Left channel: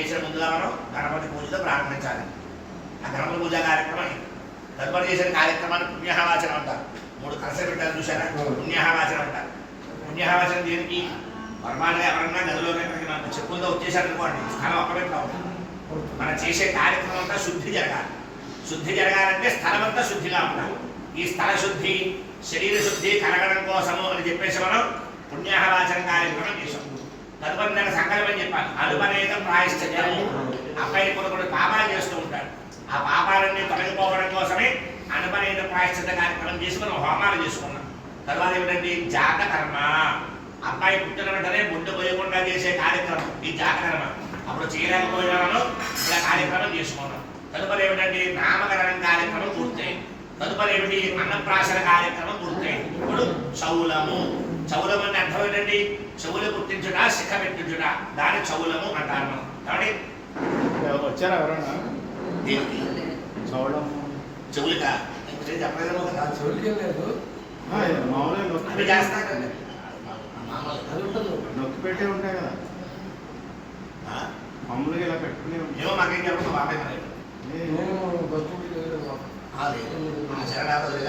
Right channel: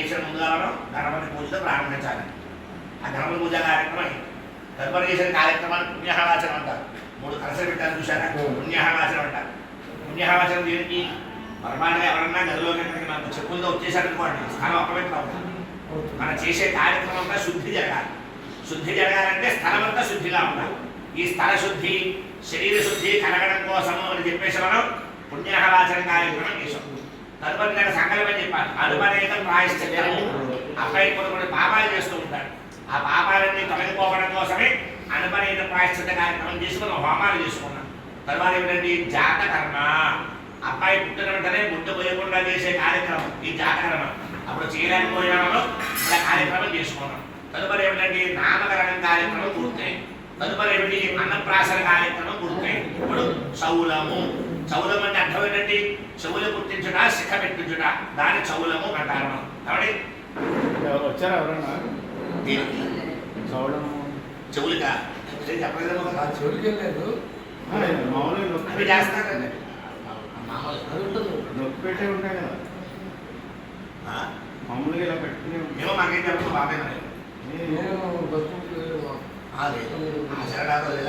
చేసిన ముందుగా మనం గణపతి పూజతో ప్రారంభించాలి. ఆ గణపతి పూజ కార్యక్రమం తదుపరి చేసిన కార్యక్రమాన్ని పుణ్యహావాచనం అంటారు. 3 కలసలు పెట్టారు చూసారా, పుణ్యహావాచనం అంటారు. పుణ్యహావాచనం దేనికి? పరమాణంగా ఎవరన్నా గదిలో మనకు చెప్పులతో వచ్చేసారనుకోండి, స్థలం ఒక్కబెట్టా ఉంటుంది. మనం చేసే కార్యక్రమం అంతా శుద్ధి జరగాలి. శుద్ధి జరగాలంటే స్థలం అంతా శుద్ధిగా ఉండాలి. ఈ స్థల శుద్ధి, శరీర శుద్ధి కలగడం కోసము అని చెప్పేసి మనం పుణ్యాహవాచన కార్యక్రమం చేసాం. తదుపరి దాకా సంకల్పం చెప్పాలి. అనుపనేతం ప్రాయశ్చిత్తము. అబ్బాయి కొన్ని పాపాలు చేస్తూ ఉంటాడు. ఆ పాపాలన్నీ తొలగిపోవడం కోసమే అనుపనేత ప్రాయశ్చిత్త కార్యక్రమం చేసి మనం హోమాలు చేసుకున్నాం. తర్వాత ఏమిటంటే జాతకర్మ. అబ్బాయి పుట్టిన వెంటనే ముట్టు పోయకుండా చేసే కార్యక్రమం ఈ జాతకర్మ. అప్పుడు చేయలేకపోయినామో ఇలా కార్యక్రమం చేసుకున్నాం. తదుపరి ఏమిటంటే నామకరణం కార్యక్రమం పూర్తయింది. తదుపరి ఏమిటి? అన్నప్రాసన కార్యక్రమం పూర్తయింది. ఇప్పుడు చౌలము. చౌలం అంటే అర్థం ఏంటండి? చెవులు పుట్టించుట, శిఖ పెట్టించుట, దాన్ని చౌలము అంటారు. కాబట్టి వచ్చారా ఎవరన్నా? చెవులుగా చెప్పలేదు, చెవులకి లేదు, మామూలుగా అవి చేస్తారండి. నొక్కి పెట్టే ఉంటాయి కదా, మామూలుగా ఇలా పెట్టుకునే ఉంటాయి. ఏమో మాకేం చెప్పదు బాబాయ్. మరి నేను లేదు